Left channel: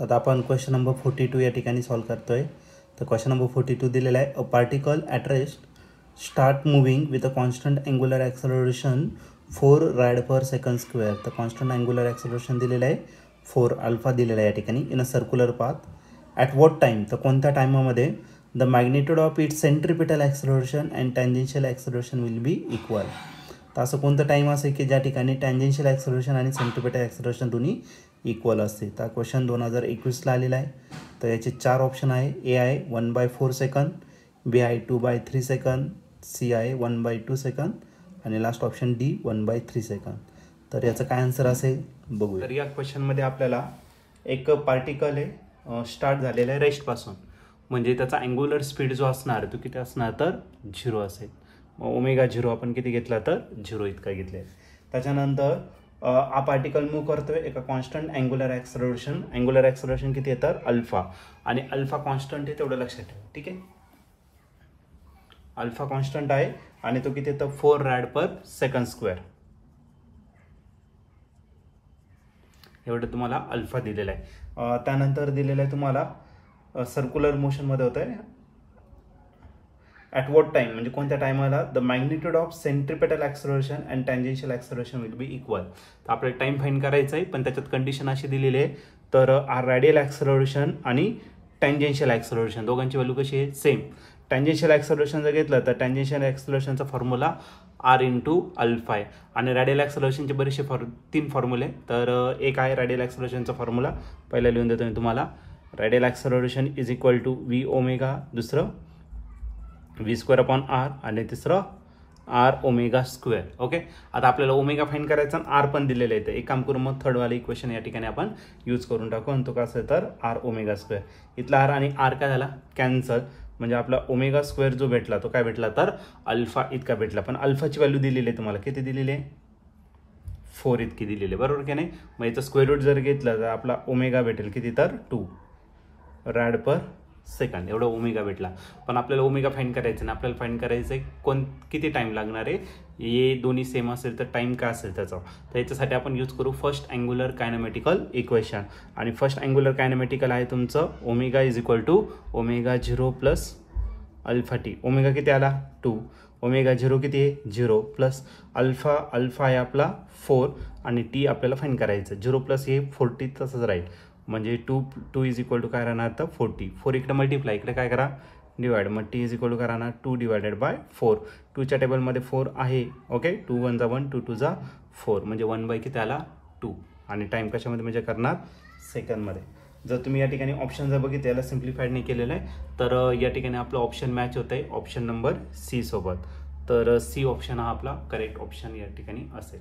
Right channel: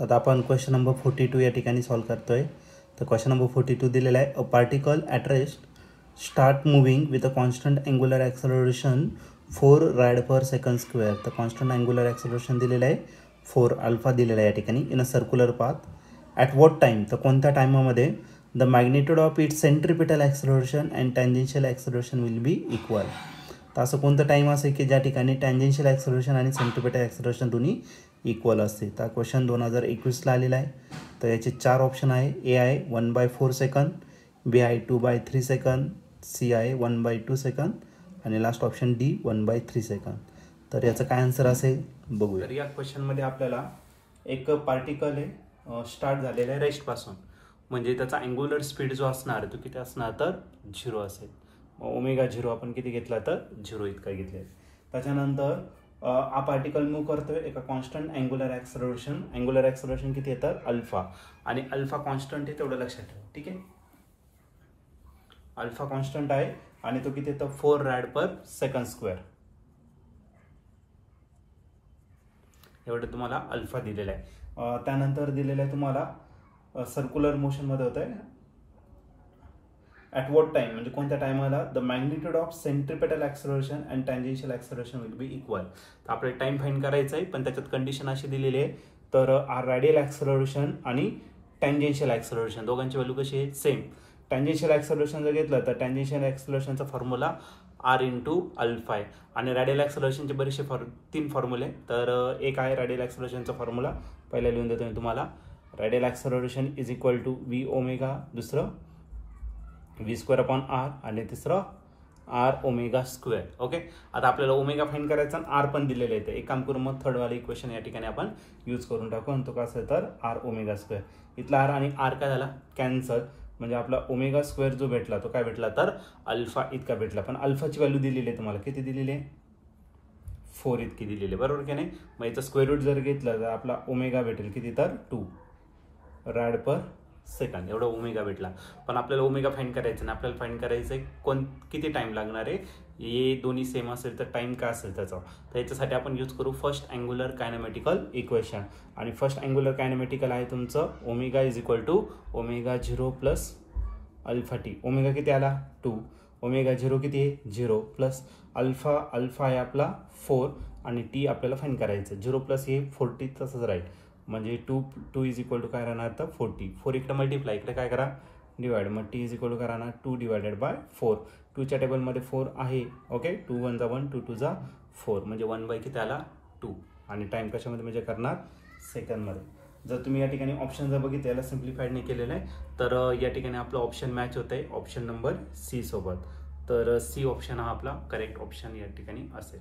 आता आपण question number 42 या ठिकाणी सॉल्व करतोय. तर क्वेश्चन नंबर 42 दिलेला आहे. A particle at rest start moving with a constant angular acceleration 4 rad per second square. तर कॉन्स्टंट अँग्युलर ॲक्सलरेशन दिलेलं आहे 4 अल्फा दिलेला आहे या ठिकाणी in a circular path. At what time, तर कोणत्या टायमामध्ये the magnitude of it centripetal acceleration and tangential acceleration will be equal. तर असं कोणतं टाईम असेल की ज्या ठिकाणी टँजेन्शियल ॲक्सलरेशन आणि सेंट्रिपिटल ॲक्सलरेशन दोन्ही इक्वल असते. तर क्वेश्चन 2021ला आलेला आहे. तर याचे 4 ऑप्शन आहे. ए आहे 1/4 सेकंद, बी आहे 2/3 सेकंद, सी आहे 1/2 सेकंद आणि लास्ट ऑप्शन डी 1/3 सेकंद. तर याचं काय आन्सर असेल बघूया. तर या क्वेश्चनमध्ये आपल्याला एक पार्टिकल आहे स्टार्ट झालेला आहे रेस्टपासून, म्हणजे त्याचा अँग्युलर स्पीड जो असणार तो किती असणार तर 0 असेल. ओमेगा 0 आपण किती घेतला तर 0 इतका घेतले. त्याच्यानंतर हा पार्टिकल मूव्ह करतोय एका कॉन्स्टंट अँग्युलर ॲक्सलरेशन किती आहे तर अल्फा, आणि अल्फा कॉन्स्टंट आहे तेवढं लक्षात ठेवा. ठीक आहे, अल्फा कॉन्स्टंट आहे आणि तो किती येतं 4 रॅड पर सेकंड स्क्वेअर. एवढं तुम्हाला अल्फा दिलेला आहे. त्यानंतर दिलेलं आहे तुम्हाला सर्क्युलर मोशनमध्ये होत आहे. ॲट वॉट टाईम, म्हणजे कोणत्या टायमाला the magnitude of centripetal acceleration and tangential acceleration will be equal. तर आपल्याला टाईम फाईंड करायचं आहे, पण त्याच्यात कंडिशन अशी दिलेली आहे. तर रॅडियल ॲक्सलरेशन आणि टँजेन्शियल ॲक्सलरेशन दोघांची व्हॅल्यू कशी आहे सेम. टँजेन्शियल ॲक्सलरेशन जर घेतलं तर टँजेन्शियल ॲक्सलरेशनचा फॉर्म्युला आर इंटू अल्फा आहे, आणि रॅडियल ॲक्सलरेशनचे बरेचसे 3 फॉर्म्युले. तर एक आहे रॅडियल ॲक्सलरेशनचा फॉर्म्युला, पहिला लिहून देतो मी तुम्हाला. Radial acceleration is equal to v omega, दुसरं v² r आणि तिसरं r ओमेगा स्क्वेअर. ओके, आता आपल्याला ओमेगा फाइंड करायचा आणि आर पण दिलेलं आहे. तर एक काम करून मग थर्डवाले इक्वेशन या ठिकाणी आपण यूज करून टाकू, आणि तो का असेल तर r ओमेगा स्क्वेअर. इथला r आणि r काय झाला कॅन्सल, म्हणजे आपला ओमेगा स्क्वेअर जो भेटला तो काय भेटला तर अल्फा इतका भेटला. पण अल्फाची व्हॅल्यू दिलेली आहे तुम्हाला, किती दिलेली आहे 4 इतकी दिलेली आहे, बरोबर की नाही. मग याचं स्क्वेअर रूट जर घेतलं तर आपला ओमेगा भेटेल किती तर 2 रॅड पर सेकंड, एवढा ओमेगा भेटला. पण आपल्याला ओमेगा फाइंड करायचं नाही, आपल्याला फाइंड करायचं आहे किती टाइम लागणार आहे. हे दोन्ही सेम असेल तर टाइम काय असेल त्याचा. तर याच्यासाठी आपण यूज करू फर्स्ट अँग्युलर कायनेमॅटिकल इक्वेशन. आणि फर्स्ट अँग्युलर कायनेमॅटिकल आहे तुमचं omega is equal to omega 0 plus alpha t. Omega किती आला 2, ओमेगा 0 किती आहे 0 प्लस अल्फा आहे आपला 4 आणि टी आपल्याला फाइंड करायचं. 0 प्लस हे 40 तसंच राहील, म्हणजे 2 इज इक्वल टू काय राहणार तर 40. 4 इकडे मल्टिप्लाय, इकडे काय करा डिवाइड, मग टी इज इक्वल टू काय राहणार 2 डिवायडेड बाय 4. 2च्या टेबलमध्ये 4 आहे. ओके, 2 1 = 1, 2 2 = 4, म्हणजे 1/, किती आला 2. आणि टाईम कशामध्ये म्हणजे करणार सेकंडमध्ये. जर तुम्ही या ठिकाणी ऑप्शन जर बघितलं याला सिम्प्लिफाईड नाही केलेलं आहे, तर या ठिकाणी आपलं ऑप्शन मॅच होत आहे ऑप्शन नंबर सी सोबत. तर सी ऑप्शन हा आपला करेक्ट ऑप्शन या ठिकाणी असेल.